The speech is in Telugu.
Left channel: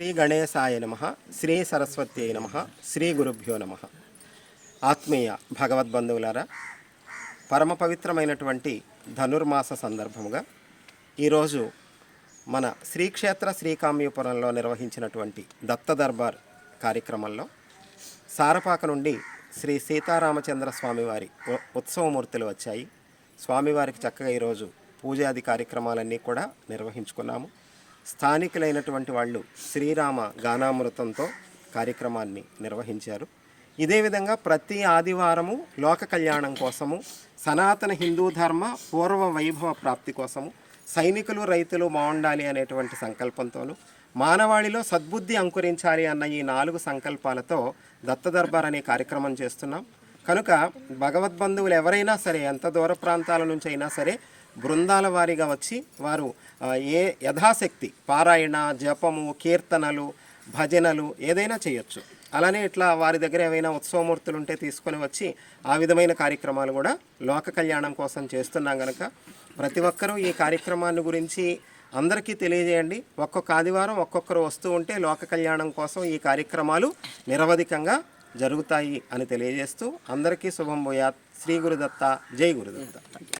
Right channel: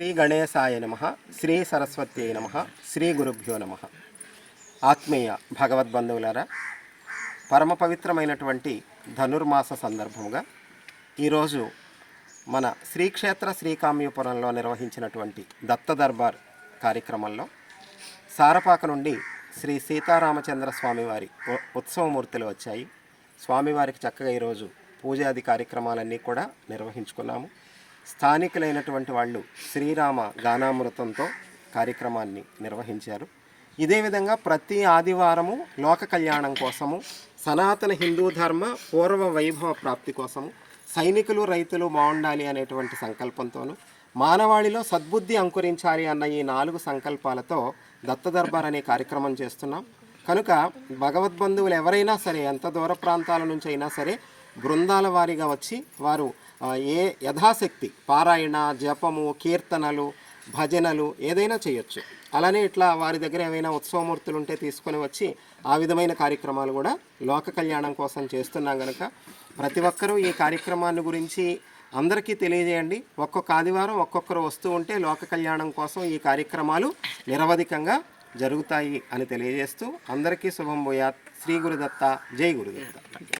శ్రీ గణేశాయ నమ శ్రీ సరస్వత్యై నమ శ్రీ గురుభ్యో నమ. ఆత్మీయ భగవద్బంధువులారా పరమ పవిత్రమైనటువంటి ధనుర్మాస సందర్భముగా ఈరోజు మన శ్రీక్షేత్ర శ్రీకామ్యపురంలో నిర్వహించినటువంటి దత్త దర్బార్ కార్యక్రమంలో సారపాక నుండి శ్రీ సీతారామచంద్ర స్వామివారి ఉత్సవమూర్తులు వచ్చాయి. స్వామివారికి చక్కగా ఈరోజు పూజాది కార్యక్రమాలన్నీ కూడా నిర్వహించుకున్నాము. స్థానికులైనటువంటి వాళ్ళు శ్రీరామ గానామృతంతో కార్యక్రమాన్ని నిర్వహించారు. ఇదే విధంగా ప్రతి ఆదివారము లోక కళ్యాణం కోసము సనాతన హిందూ ధర్మ పూర్వ వైభవ ప్రాప్తి కోసము సైనికులు రైతులు బాగుండాలి అనేటువంటి సంకల్పంతోనూ మానవాళిలో సద్బుద్ధి అంకురించాలి అన్న ఈ నాలుగు సంకల్పాలతో దత్త దర్బార్ అనే కార్యక్రమం చేస్తున్నాం. కనుక భగవద్బంధువులు ఎవరైనా సరే ఎంత దూర ప్రాంతాల నుంచి అయినా సరే బృందాల వారీగా వచ్చి వారు ఏ యథాశక్తి పారాయణ జపము కీర్తనలు భజనలు ఏదైనా చేయొచ్చు. అలానే ఇట్లా వారి దగ్గర ఏమైనా ఉత్సవమూర్తులు ఉంటే తీసుకొని వచ్చి ఆ విధమైన కార్యక్రమాలు కూడా లోక కళ్యాణం కోసం చేస్తున్నాం కనుక ప్రతి ఒక్కరూ ఈ కార్యక్రమాన్ని గురించి అందరికీ తెలియజేయండి. ఒక్కొక్క ఆదివారం ఒక్కొక్కరు వస్తూ ఉంటే లోక కళ్యాణం కోసం ఈ కార్యక్రమాలు నిరవధికంగా జరుగుతాయి అని తెలియజేస్తూ అందరికీ శుభం భూయాత్. శ్రీ గురుదత్త జై గురుదత్త.